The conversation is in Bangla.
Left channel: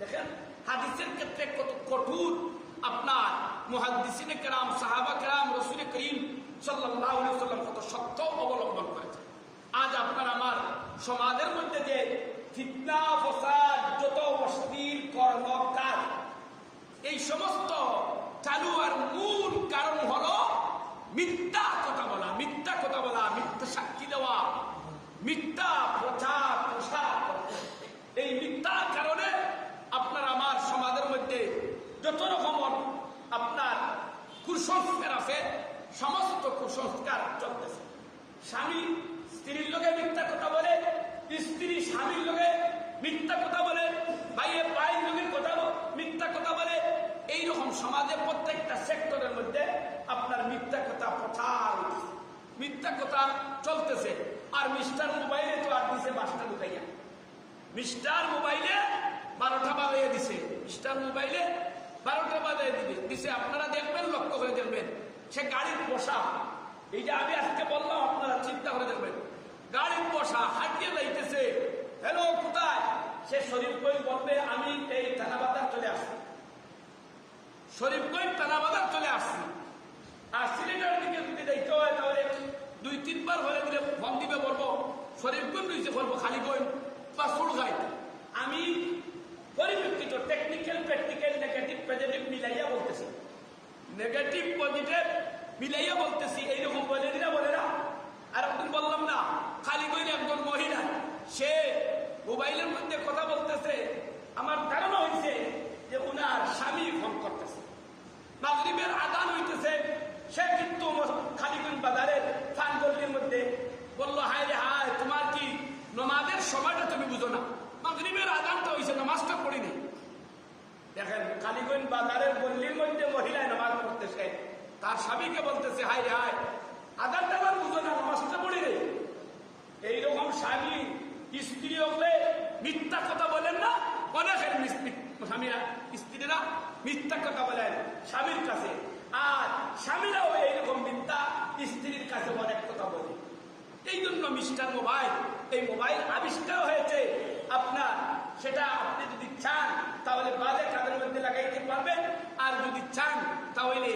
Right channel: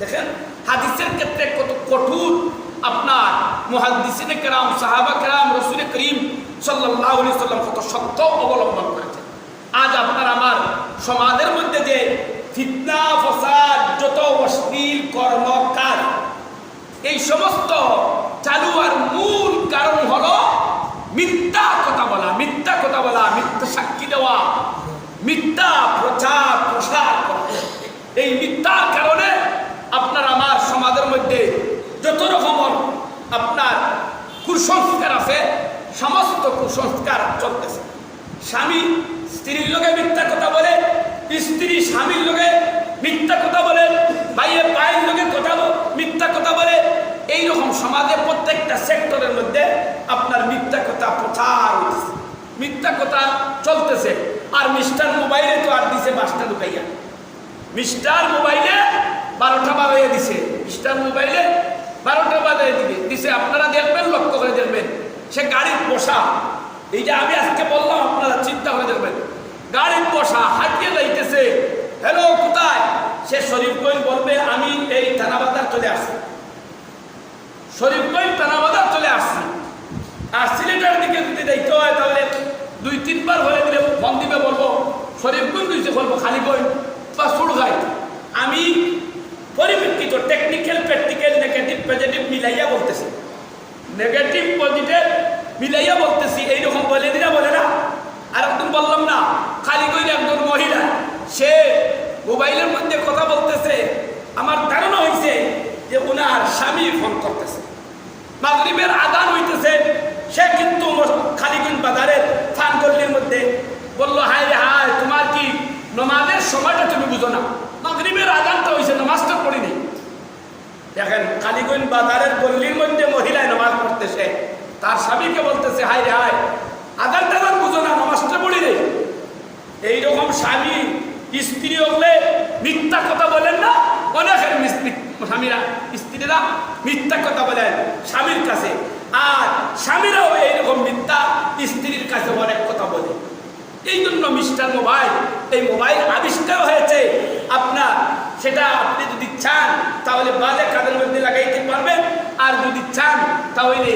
দেখেন, হাদিসের ক্ষেত্রে কত কঠোর আপনার মুহাদ্দিসিনে কেরাম, সাহাবা কেরাম, রসুল করিম সাল্লাহ সাল্লাম কত সত্য অবলম্বন করেছে আজ আপনার আমার সমাজের মধ্যে যে ফিতনা, ফসাদ, যত অশ্লীল কর্ম কাজ এই সমস্ত চালু আর মূল কারণ হলো মিথ্যা কথা বলা, মিথ্যা কথা বলা, মিথ্যা সাক্ষী দেওয়া, মিথ্যা প্রচার প্রসার করা এই মিথ্যার কারণে আপনার আমার সমাজের মধ্যে যত রকমের আপনার কুসংস্কার আছে সমস্ত কুসংস্কার চলতেছে। স্বামী স্ত্রীর লোকে মিথ্যা কথা বলে, স্ত্রী স্বামীর লোকে মিথ্যা কথা বলে ভাইয়ে পায়ের লোকে কথা মিথ্যা কথা বলে। এইরকম সমাজে প্রত্যেকটা সেক্টরের মধ্যে আপনার মিথ্যা কথা প্রচার মিথ্যা কথা চলতেছে। আর মিস্টার মোবাইলে তো আর দিছে বাসটা ঢুকাইয়া মিস্টার মোবাইলে বারোটা বাজাইয়া দিছে। মিস্টার মোবাইলে বারোটা বাজাইয়া দিবে। দিছে, আপনারা দেখবেন, লক্ষ্য করে দেখবেন, সে গাড়ির বসা এই যে আমি আজকে বললাম, আপনারা চিন্তা হয়ে দেখবেন। গাড়ির বসা হাঁটিয়ে যাইতেছে। হ্যালো, কোথায়? সে শরীফ শরীফগঞ্জ বলবে, আমি এই থানাবাজার চলে আসছি। শরীফগঞ্জ থানাবাজার চলে আসছি। আর সিলেটের দিকে যদি যাইতে হয়, তাহলে দুই, তিনবার হয়ে দিলে ফোন দিবে বলব শরীফগঞ্জ দিতে বলব, খালি খালিগঞ্জ বা সুরগাই আমি পরিপ্রেক্ষিত টেকনিক্যাল প্র্যাকটিক্যাল নেগেটিভ পজিটিভ মিলাইয়া বলতেছি। নেগেটিভ পজিটিভ মিলাইয়া বলতেছি এইরকম বলে দিনা বলে না। আর একদম বললাম না। খালি কইলে একজন মহিলা, সে মোবাইলের মধ্যে কথা বলতেছে। আমার ধারণা হয়েছে যে ওনার স্বামী ফোন করতেছে। মাগরিবের আদান হইতেছে। সে কিন্তু খালিগঞ্জ বাজারের ফানগল্লির মধ্যে বলল, হায় রে হায়, তোমার কি নমাজের সময়টা তুমি বুঝো না? মাগরিবের আদানটা হয়েছে নমাজটা পড়িনি। দেখেন কালীগঞ্জ বাজারের তার স্বামীকে বলতেছে হাই রে হাই আদান টাদান বুঝো না, নমাজটা পড়ি রে এইরকম স্বামী, স্ত্রী হলে মিথ্যা কথা বলেন না, অনেকের স্বামীরা, স্ত্রীরা মিথ্যা কথা বলেন স্বামীর কাছে। আর স্বামীরাও এইরকম মিথ্যা, স্ত্রীর কাছে অনেক কথা বলে। এই জন্য মিস্টার মোবাইল, এই মোবাইল আবিষ্কার হয়েছে। আপনার, সেটা আপনি যদি চান, তাহলে বাজে কাদের মধ্যে লাগাইতে পারবেন। আর যদি চান, তাহলে